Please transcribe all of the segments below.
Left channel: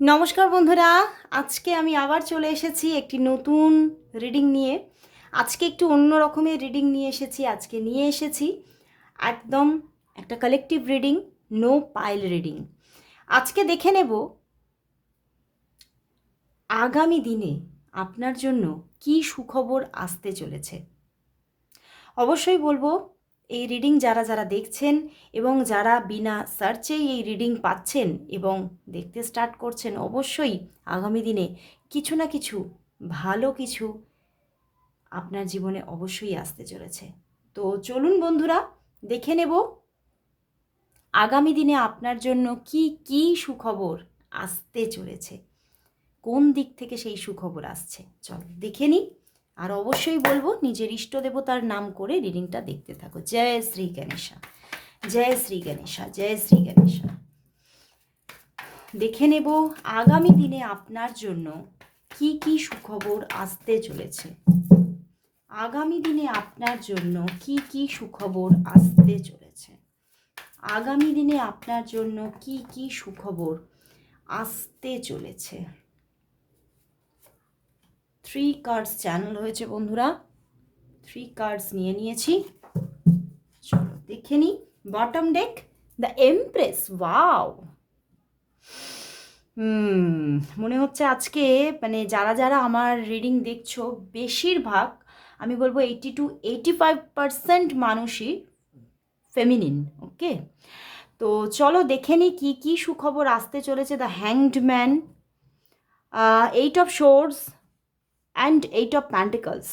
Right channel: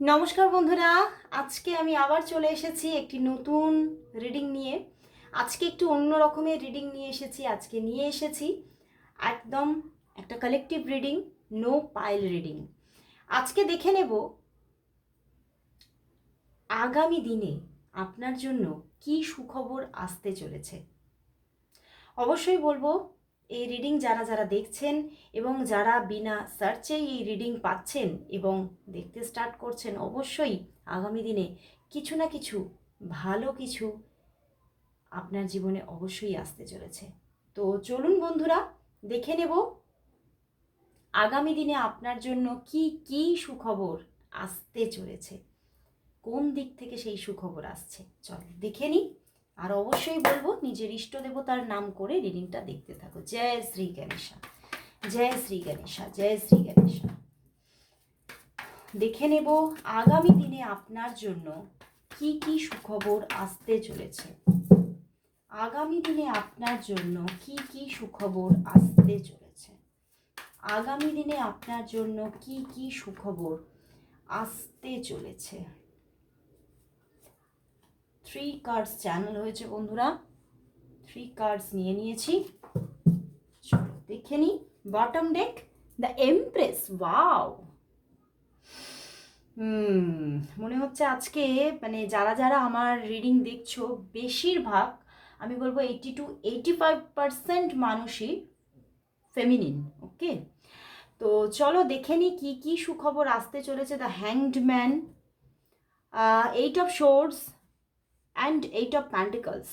নমস্কার বন্ধুরা, আজকে আমি আবার চলে এসেছি একটি নতুন রিডিং নিয়ে। আজকে একটু অন্য রকমের রিডিং নিয়ে এসেছি, আজকে নিয়ে এসেছি একদম একটা collective reading no pile reading আজকে দেখে নেব আগামী দিনে আপনার জন্য কি সুখবর আসতে চলেছে। অবশ্যই বলব এই রিডিং যারা যারা দেখছেন এবং যারা বিনা সার্চেই এই রিডিং পাচ্ছেন এবং দেখতে স্টার্ট করছেন, অবশ্যই আগামী দিনে কিছু না কিছু ভালো কিছু আপনার জীবনে অবশ্যই আসতে চলেছে। তো চলুন বন্ধুরা, দেখে নেব আগামী দিনে আপনার জন্য কি কি সুখবর আসতে চলেছে? কোন দিক থেকে সেই সুখবর আসছে? চল, দেখে নিই। আর অবশ্যই বলব, নিজের ইষ্ট দেবতার নাম করে রিডিংটা দেখতে থাকো। জয় শ্রী গণেশা। জয় শ্রী গণেশা। জয় শ্রী গণেশা। দেখে নেব আগামী দিনে আপনার জন্য কি কি সুখবর আসতে চলেছে। আগামী দিনে আপনার জন্য কি কি সুখবর আসতে চলেছে। আগামী দিনে আপনার জন্য কি কি সুখবর আসতে চলেছে। থ্রি কার্ডস চ্যানেল হয়েছে বন্ধুরা। থ্রি কার্ডস নিয়ে নিয়েছি। চলো দেখে নিই bottom deck the empress wow মনে হচ্ছে আজকে মানে যারা যারা আমার রিডিং দেখছ, বেশিরভাগ, আমি বলব eighty to eighty five percent মানুষই ফেমিনিন ওকে তো চলো দেখে নিই কী কী সুখবর আসতে চলেছে the hanged man eight of swords and eight of pentacles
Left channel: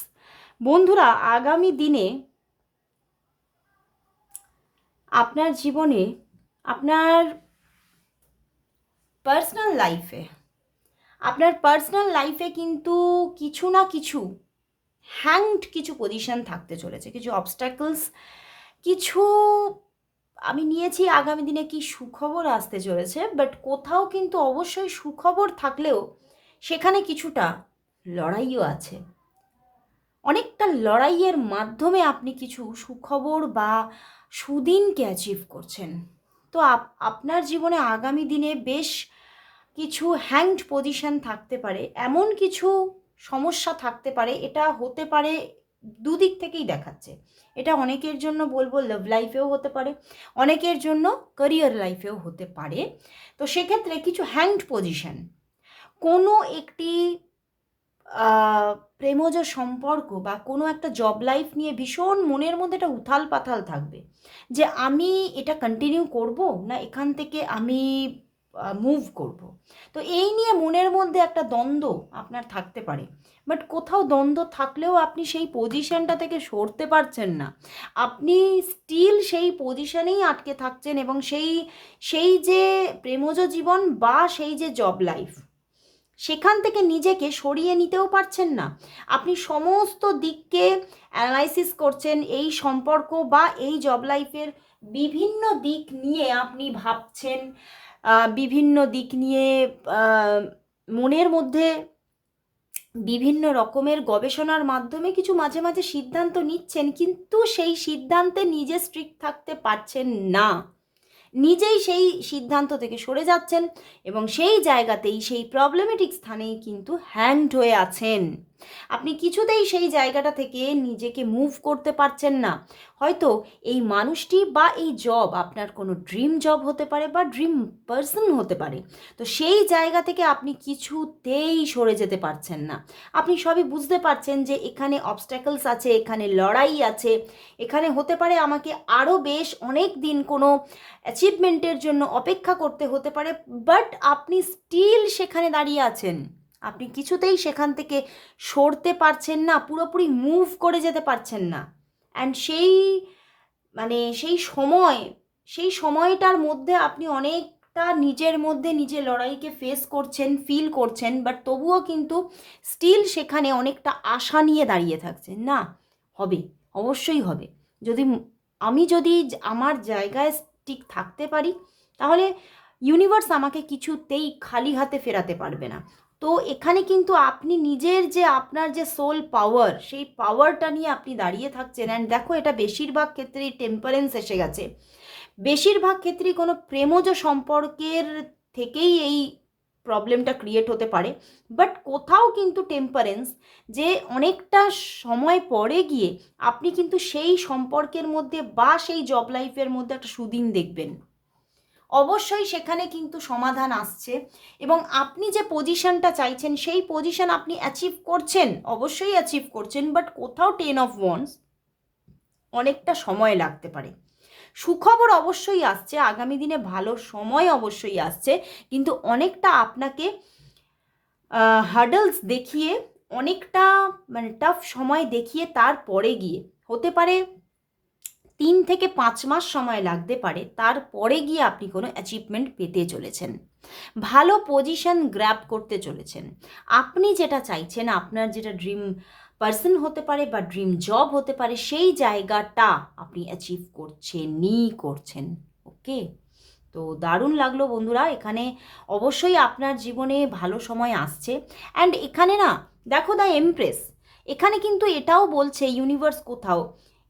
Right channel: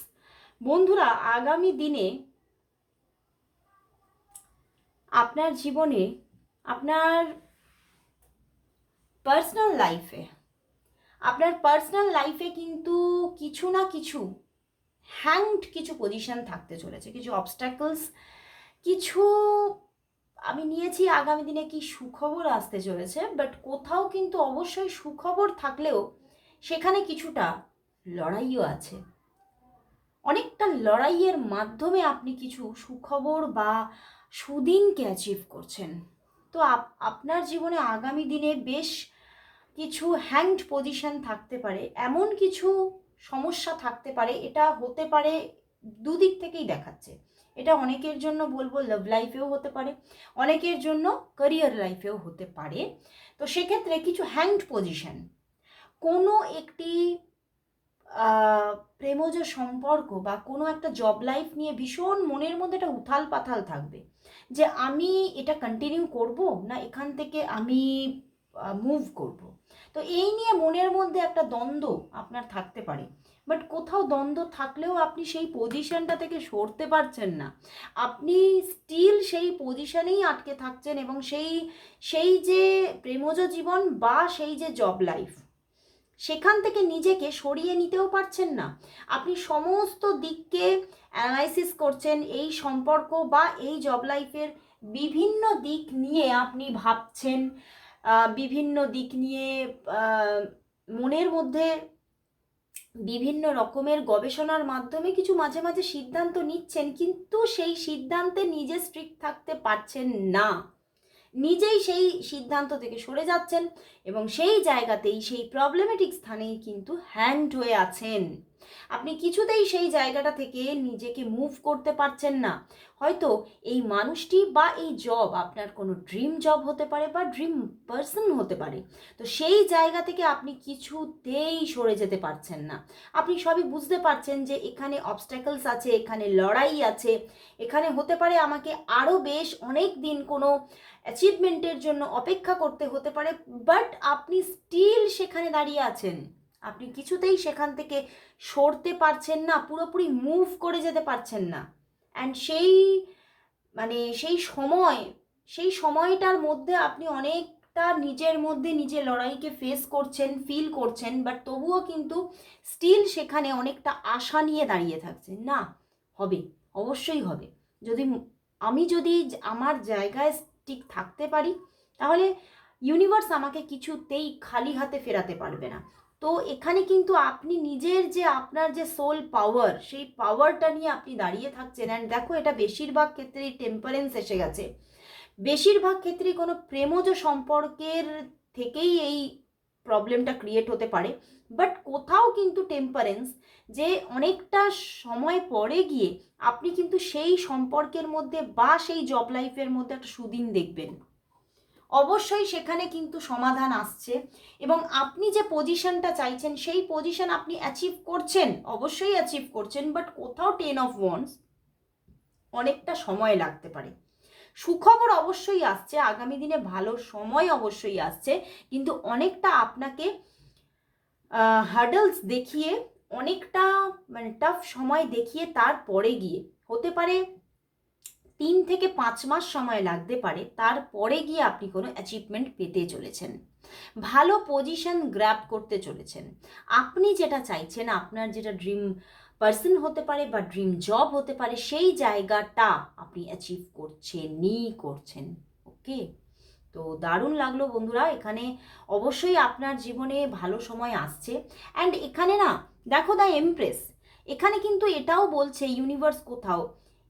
বন্ধুরা, আগামী দিনে আপনার জীবনে, আপনার পার্সোনাল লাইফে আপনার পার্সোনাল লাইফে কিন্তু কিছু না কিছু হ্যাংড কিছু পজিশন থাকতে চলেছে, কিছু অবস্ট্যাকলস কিছু, আমি নিয়েছি আগামী দিনে কি সুখবর আসতে চলেছে বাট কোথাও কিন্তু অবশ্যই সুখবর থাকলেও সেখানে কিছুটা লড়াইও আছে। অনেকটা লড়াইয়ের মাধ্যমে আপনি কিছু সুখবর বা সুদিনকে অ্যাচিভ করছেন। তো আপনার জীবনে আগামী দিনে বেশ কিছু হ্যাংড পজিশন থাকতে পারে, এমন কিছু সমস্যা থাকতে পারে, এটা হতে পারে দুদিক থেকেই দেখাচ্ছে। এটা অনেকের জন্য বলব লাভ লাইফেও হতে পারে, অনেকের জন্য ক্যারিয়ার লাইফেও হতে পারে। তো সেক্ষেত্রে কিছু হ্যাংড পজিশন কোনো একটি প্রেমজ সম্পর্ক বা কোনো একটা জব লাইফ নিয়ে ভীষণ মনের মধ্যে একটা উথাল পাথাল থাকবে যে আমি এটা কন্টিনিউ করব না এখান থেকে আমি মুভ করব। তো এই নিয়ে মনের মধ্যে একটা দ্বন্দ্ব আপনার থাকতে পারে। বাট কোথাও দ্বন্দ্ব থাকলেও আপনি সেই পজিশনটা থেকে সরতে পারছেন না। আপনি স্টিল সেই পজিশনেই আটকে থাকছেন এবং সেই সেই যে প্রেমজ জীবন বা সেই যে জব লাইফ সেখান থেকে নিজেকে সরিয়ে নিতেও পারছেন না। আপনি সমস্ত দিককে অ্যানালাইসিস করছেন, এই সম্পর্ক বা এই জব লাইফের বিভিন্ন দিক নিয়ে আপনি ভাবছেন বিভিন্ন দিক নিয়ে মনের মধ্যে বিভিন্ন রকমের গবেষণার মাধ্যমে কিছু মাঝে মাঝে সিদ্ধান্ত নিচ্ছেন, কিন্তু সেই সিদ্ধান্তে নিজে স্ট্রিক্ট থাকতে পারছেন না। নিজেই সেই সিদ্ধান্ত থেকে সরে যাচ্ছেন এবং সেই জায়গাতেই সেই প্রবলেমেটিক স্থানেই কিন্তু হ্যান্ড হয়ে আছেন। আপনি কিছুতেই সেই জায়গাটা থেকে নিজেকে মুভ করতে পারছেন না। হয়তো এই মানুষটি বা এই জব আপনার কোনো ড্রিম জব হতে পারে বা ড্রিম পার্সন হতে পারে। তো সেই জায়গা থেকে আপনি কিছুতেই সরে যেতে পারছেন না। আপনি সবই বুঝতে পারছেন যে এখানে অবস্ট্যাকলস আছে, এখানে লড়াই আছে, এখানে হতে পারে আমাকে আরও বেশ অনেক দিন কোনো অ্যাচিভমেন্টের জন্য অপেক্ষা করতে হতে পারে বাট আপনি স্টিল সেখানে দাঁড়িয়ে আছেন। আপনি কিছুতেই সেখান থেকে সরতে পারছেন না, পুরোপুরি মুভ করে যেতে পারছেন না। অ্যান্ড সেই মানে সেই সময়, সেই সময়টার মধ্যে আপনি অনেকটা নিজের মধ্যে নিজের লড়াইকে ফেস করছেন ফিল করছেন বাট তবুও কিন্তু স্টিল সেখানে অনেকটা আশা নিয়ে দাঁড়িয়ে থাকছেন। না, হবে, অবশ্যই হবে। যদি আমি যদি আমার জায়গায় ঠিক থাকতে পারি, তাহলে ইউনিভার্স আমাকে কিছুতেই খালি হাতে ফেরাতে পারবে না। তো এখানে কিন্তু আপনি নিজের যে আপনার যে সোল পাওয়ার সেই পাওয়ারটা নিয়ে আপনি দাঁড়িয়ে থাকছেন অ্যান্ড দেখো এটা বেশিরভাগ ক্ষেত্রেই টেম্পারেন্স এসে গেছে। বেশিরভাগ ক্ষেত্রেই কোনো প্রেমজ সম্পর্কের থেকেই এই প্রবলেমটা ক্রিয়েট হতে পারে। বাট কোথাও কিন্তু টেম্পারেন্স যে অনেকটা সময় পরে গিয়ে আপনি কিন্তু সেই সম্পর্কের মধ্যে বা সেই জব লাইফের মধ্যে একটা সুদিন দেখবেন। অবশ্যই সেখানে কিন্তু সমাধান আসছে। এবং আপনি যে পজিশনটা চাইছেন, সেই পজিশন আপনি অ্যাচিভ করছেন, অবশ্যই অ্যাচিভ করছেন বাট কোথাও টেন অফ ওয়ান্স অনেকটা সময় লাগতে পারে। সুখবর অবশ্যই আসছে, আগামী দিনে ভালো সময় অবশ্যই আসছে, কিন্তু অনেকটা আপনাকে হার্ডলস দেখিয়ে, অনেকটা মানে টাফ সময় দেখিয়ে তারপরে গিয়ে, হতে পারে তিন থেকে পাঁচ মাস সময় লাগতে পারে, তারপরে গিয়ে আপনি কোনো অ্যাচিভমেন্ট পেতে চলেছেন। ভালো পজিশন গ্র্যাব করতে চলেছেন। আপনি যেটা চাইছেন, আপনার যেটা ড্রিম পার্সন হতে পারে বা ড্রিম জব হতে পারে, সেই জায়গাটা আপনি অ্যাচিভ করছেনই করছেন ওকে তো দারুণ লাগল বন্ধুরা, এখানে অবশ্যই আপনার জীবনে ভালো সময় আসছে। অ্যান্ড এখানে না, দেখো দ্য এমপ্রেস এখানে কিন্তু এটাও বলছে ইউনিভার্স কোথাও?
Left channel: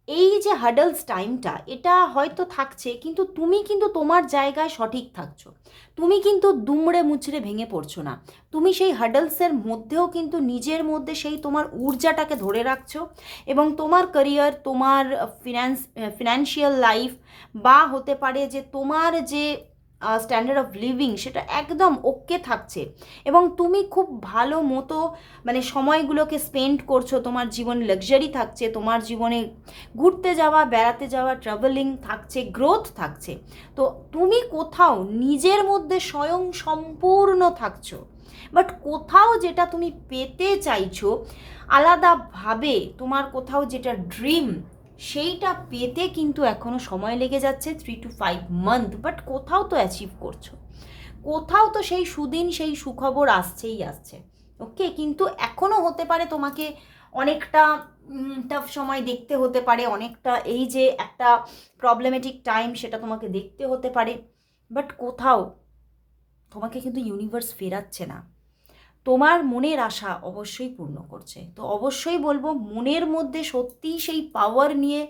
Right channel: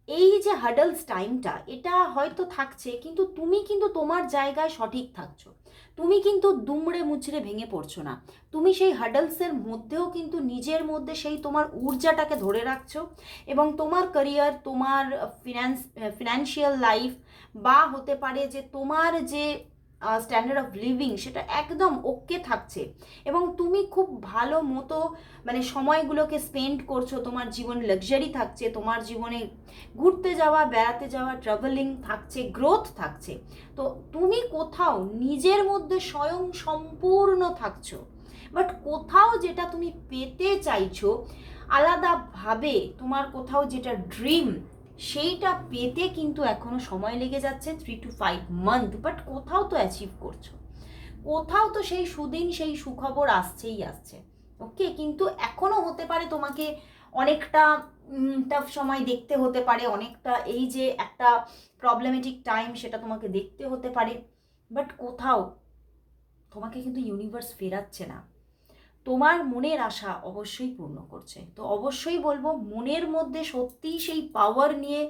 এই যে হাডলস টাইমটা এটা হয়তো থাকছে, কিন্তু তুমি কিন্তু তোমার জায়গায় সঠিক থাকছো। তুমি কিন্তু দুমড়ে মুচড়ে ভেঙে পড়ছো না। তুমি সেই হাডলসের মধ্যেও কিন্তু নিজের মধ্যে সেই তোমার ঊর্জাটাকে ধরে রাখছো এবং তোমার ক্যারিয়ার তোমার ফিনান্স ফিনান্সিয়াল লাইফ বা হতে পারে যে তোমার যে স্ট্যান্ডার্ড অফ লিভিং সেটা একদম ওকে থাকছে। এবং তুমি খুব ভালো মতো মানে সময়গুলোকে স্পেন্ড করছ, তোমার জীবনে লাক্সারি থাকছে, তোমার জীবনে ঘুরতে যাওয়া, বেড়াতে যাওয়া ট্রাভেলিং থাকছে গ্রোথ থাকছে। তো তুমি কোথাও নিজের মধ্যে স্বয়ং সম্পূর্ণ থাকছো বাট কোথাও যেটা তুমি পেতে চাইছো, আলাদাভাবে তোমার কোথাও যেটা ড্রিম সেইটা পেতে কিন্তু এখনও সময় লেগে যাচ্ছে three to five month but কোথাও তো অ্যাচিভ করছ। কোথাও তো সেই সুদিন, সেই সুখবর আসছেই আসছে। ওকে কিন্তু এখনও হতে পারে তোমাকে অনেকটা টাফ সময় দেখতে হতে পারে, অনেকটা এই যে একটা প্রবলেমেটিক টাইম সেটা তোমাকে দেখতে হতে পারে বাট কোথাও তোমাকে কিন্তু ইউনিভার্স ফেরাচ্ছে না। তোমার মনের আশা অবশ্যই পূর্ণ করছে। তো অবশ্যই বলব, মনের মধ্যে সত্যিই সেই পাওয়ার নিয়ে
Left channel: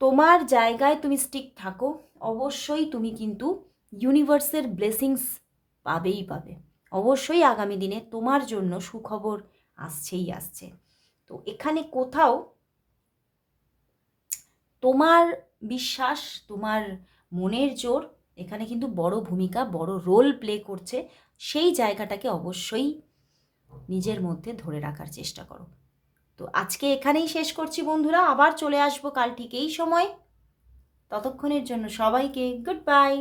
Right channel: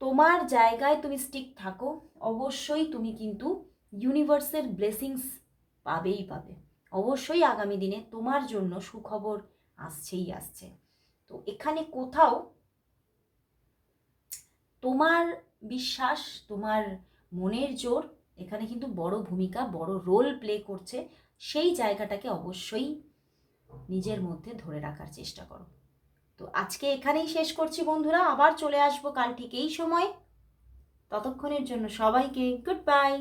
তোমার জায়গায় তুমি স্টিক থাকো। অবশ্যই তুমি কিন্তু ইউনিভার্সের ব্লেসিংস পাবেই পাবে। অবশ্যই আগামী দিনে তোমার জন্য সুখবর আসছেই আসছে। তো এখানে কোথাও তোমার বিশ্বাস, তোমার মনের জোর এখানে কিন্তু বড় ভূমিকা, বড় রোল প্লে করছে। সেই জায়গাটাকে অবশ্যই নিজের মধ্যে ধরে রাখার চেষ্টা করো। তো আজকে এখানেই শেষ করছি বন্ধুরা। আবার চলে আসব কাল ঠিক এই সময়। ততক্ষণের জন্য সবাইকে গুড বাই